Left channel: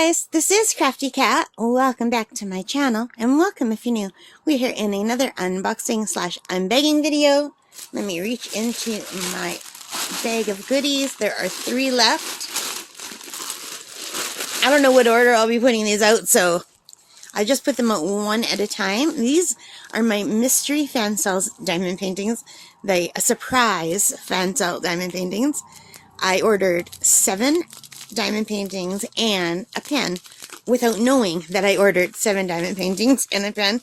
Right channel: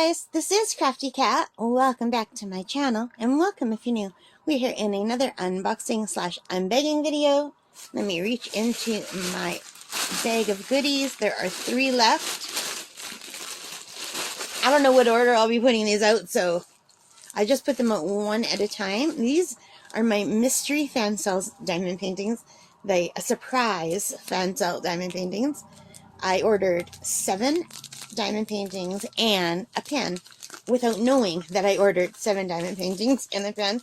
guys, this is Crafty Cat. Welcome back to my channel, and welcome if you're new. We're here in another unboxing slash unbagging video. Let me reach into my bag of goodies. There are 3 left. I don't know what order I'll be putting these out, so I just put them out one at a time. These are my mystery Fansells diamond paintings. A surprise Fansell diamond paintings. I ordered 7 diamond paintings and a pen without knowing that I ordered 7 diamond paintings and a pen.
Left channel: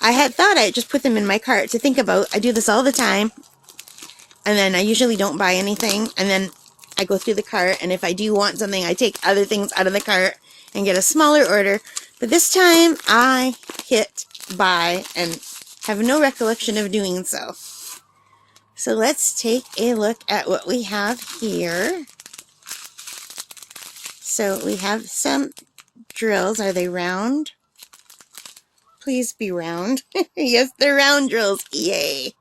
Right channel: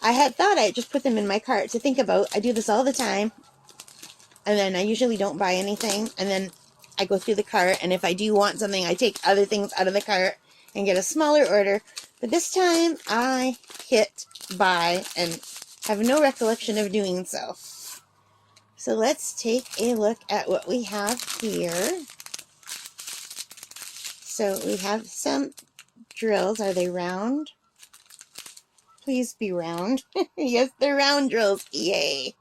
I had thought I'd just put them in my cart to think about. I do this all the time, and then I usually don't buy anything, and then I go through the cart, and if I do want something, I take other things out of the cart and get a smaller order. But this time I hit buy and have no recollection of doing so. So let's take a look at what we have here. So we have some drills. Are they round? Please be round. Yes, they're round drills. Yay.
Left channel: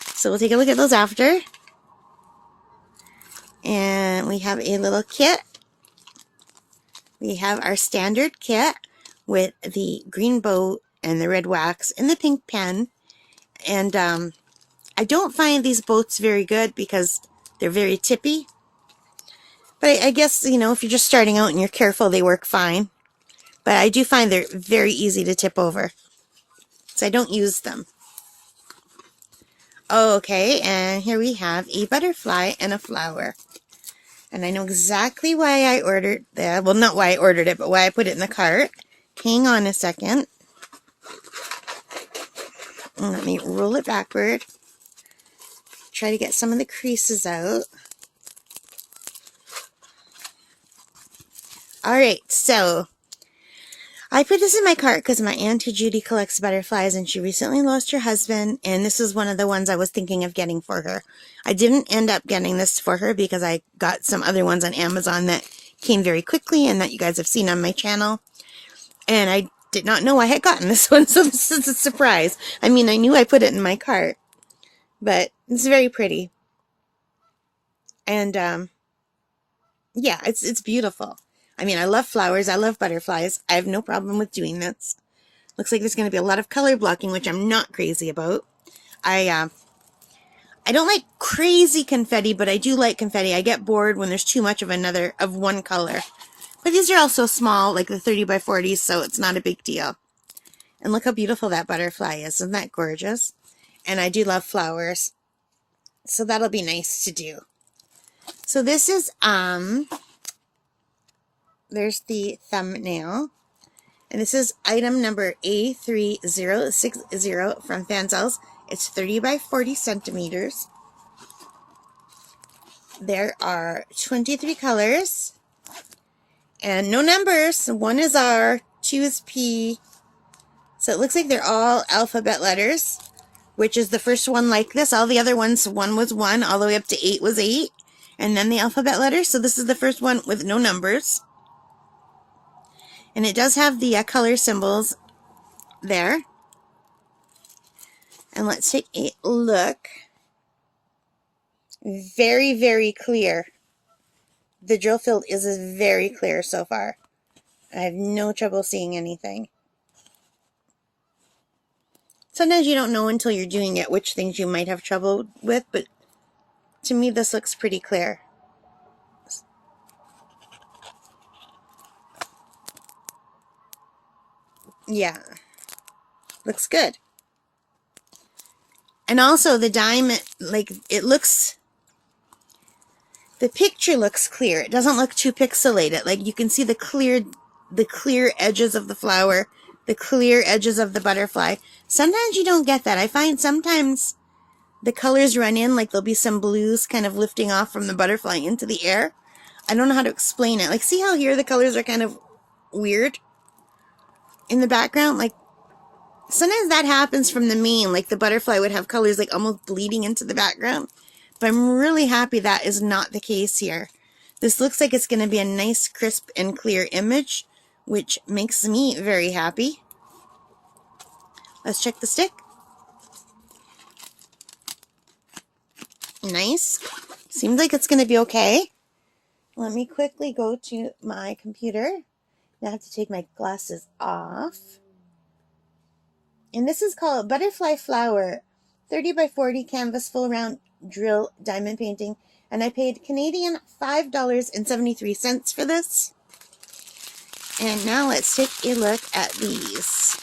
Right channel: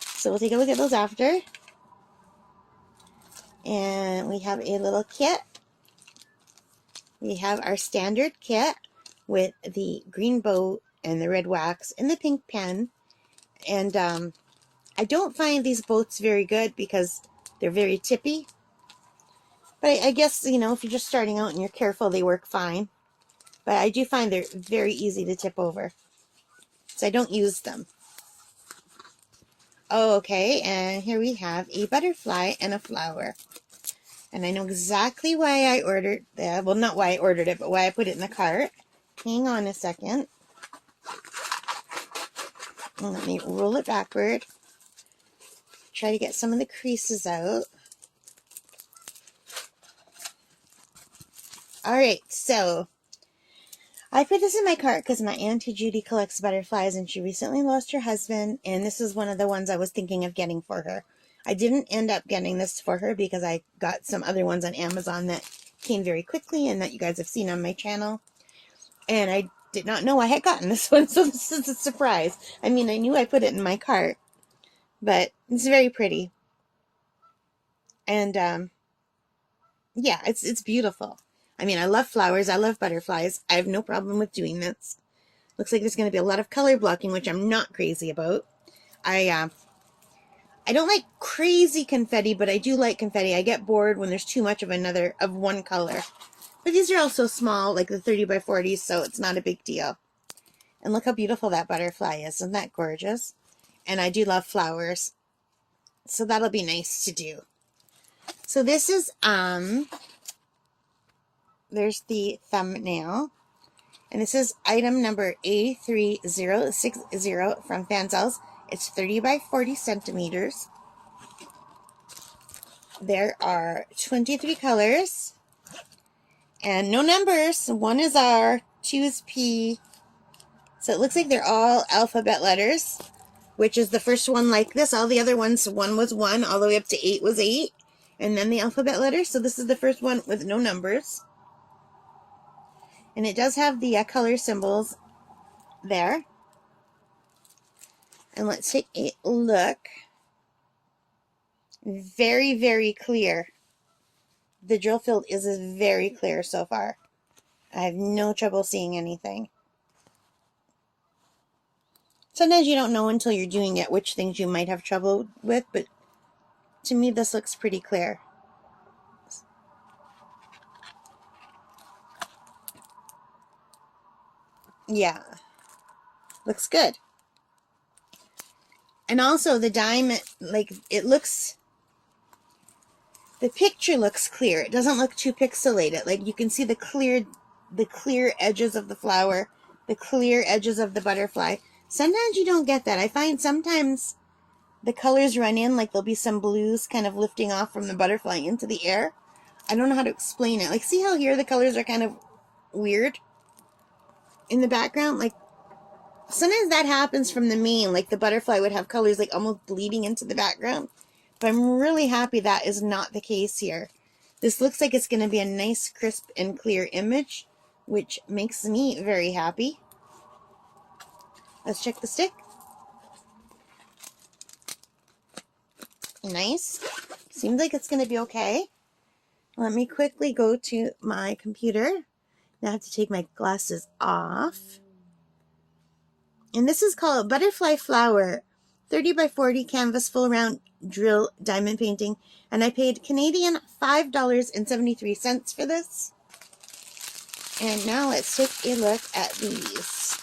So we'll take a look at those after. And we have a little kit. We have our standard kit with the green bow and the red wax and the pink pen. And I don't find these boats very good because they're very tippy. But I guess, you know, if you're just starting out and you're careful, they work fine. But I do find they're very easy to tip over, so I don't use them. Okay, and here we have a butterfly and a flower. And I know exactly why I ordered that. Well, not why I ordered it, but why I put it in the cart. Hang on a second. And let me roll it backward. Try to get some of the creases out. Alright, so I put this in my cart because my Auntie Judy collects butterflies, and she recently lost her husband, and this is one of the ones I was thinking of getting for her. I didn't end up getting this for her because I got some other ones on Amazon that came very quickly and that you guys have seen on my channel. And I did not know I had gotten this one, so this is a surprise. I mean, I knew I put it in my cart, but it's very pretty. And yeah, it's beautiful. I mean, I love flowers. I love butterflies. I have no problem with doing this. Looks like there's going to be a lot of color blocking, which I'm not crazy about. I don't like crazy confetti, but I do like confetti. I get bored when there's too much of one color. But these are also small, like the 30 by 40s, so it's not a big deal. And look how beautiful that butterfly is. Isn't that gorgeous? And I do love flowers, so that'll be nice to do. So this is, there's the thumbnail, and this is item number A3060 from Fansells. It's 30 by 40 centimeters. There are 23 colors and no numbers. 1 is R, 2 is P. So it looks like they're all alphabet letters, which is the first one like this. All the other ones, 1 was 1, all the way up to 8 was 8, and then the alphabet letters. So this is the first one with no numbers. And it does have the color symbols there. And let's take a look. Very, very clear. The drill field is very clear so far. I have no trouble seeing anything. Sometimes you don't know until you're doing it which things you might have trouble with, but to me this looks pretty clear. Yeah, looks good. And also the diamond, like, it looks, the picture looks clear. It doesn't look too pixelated. Like, you can see the clear edges of the flower, the clear edges of the butterfly. Sometimes you don't get that. I find sometimes the colors run in, like there'll be some blues kind of lifting off from the butterfly into the air. I don't know how to explain it. Like, see how here the colors are kind of weird in the background? Like, sometimes that happens from the main, like the butterfly would have colors like almost bleeding into the background. But I'm really happy that is not the case here. This looks like it's going to be a nice, crisp, and clear image, which makes me very happy. Let's check the stick. Nice. Seems like it's going to be okay. Let me quickly go to my computer. Now I have to take my glasses off. And this is called Butterfly Flower 30 by 40 canvas full round drill diamond painting. And I paid Canadian $5.73 for this. And now let's take a look at these.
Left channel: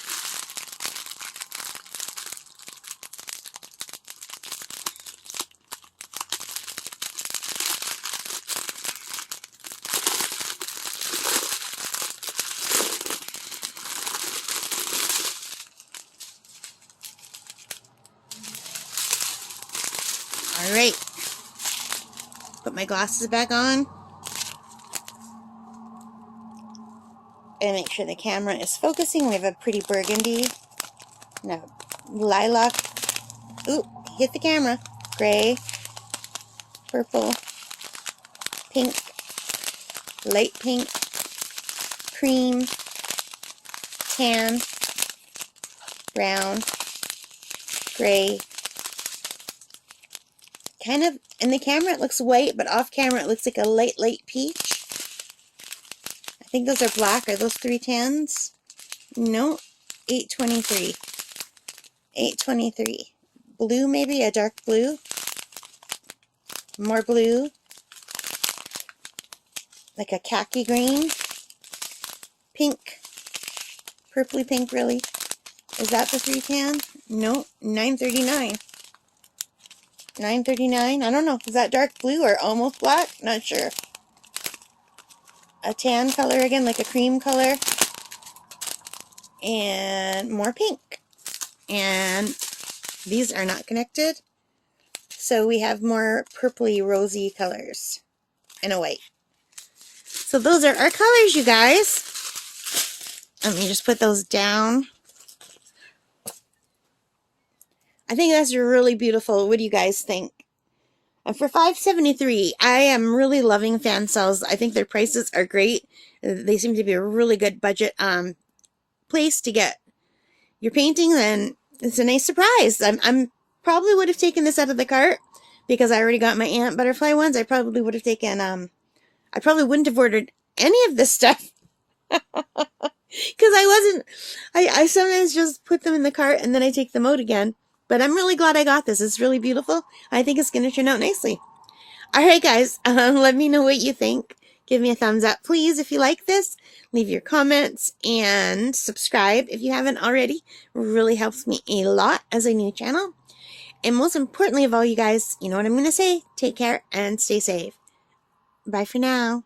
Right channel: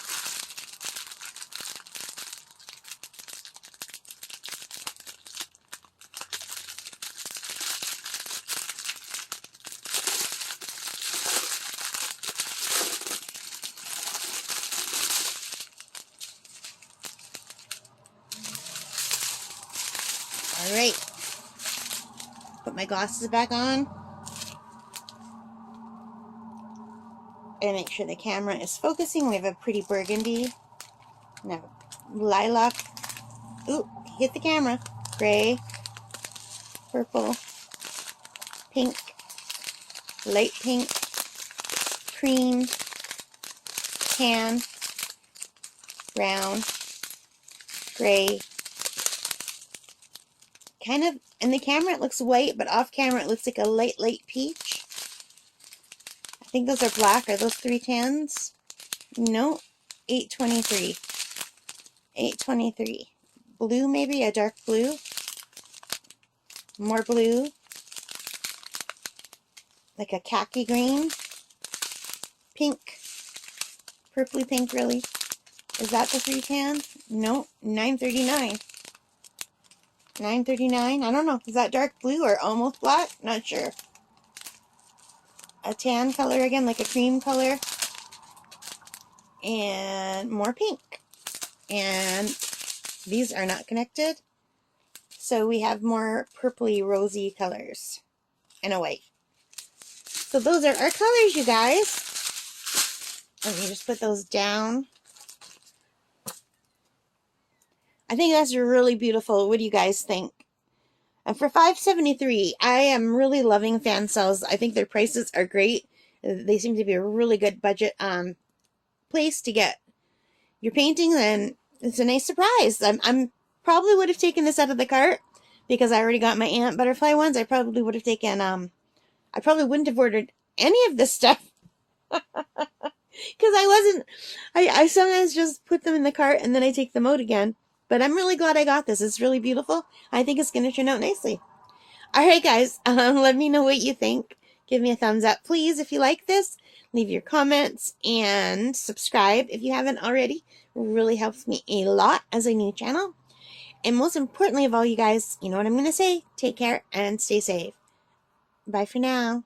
All right, put my glasses back on. And make sure the camera is focusing. We have a pretty burgundy. No, lilac. Ooh, hit the camera. Gray, purple, pink, light pink, cream, tan, brown, gray. Kind of, in the camera it looks white, but off camera it looks like a light peach. I think those are black. Are those 310s? No, 823. 823. Blue, maybe a dark blue. More blue. Like a khaki green. Pink. Purpley pink, really. Is that the 310? No, 939. 939. I don't know. Is that dark blue or almost black? Not sure. A tan color again, like a cream color. And more pink. And these are not connected. So we have more purpley rosy colors. And a white. So those are our colors, you guys. Let me just put those down. I think that's really beautiful. What do you guys think? And for $5.73, I am really loving Fansells. I think their prices are great. They seem to be a really good budget place to get your painting, and it's a nice surprise. I'm probably would have taken this out of the cart because I already got my ant butterfly ones. I probably would have taken I probably wouldn't have ordered any of this stuff. Because I sometimes just put them in the cart and then I take them out again. But I'm really glad I got this. It's really beautiful. I think it's going to turn out nicely. All right, guys. Let me know what you think. Give me a thumbs up, please, if you like this. Leave your comments and subscribe if you haven't already. It really helps me a lot as a new channel. And most importantly of all, you guys, you know what I'm going to say. Take care and stay safe. Bye for now.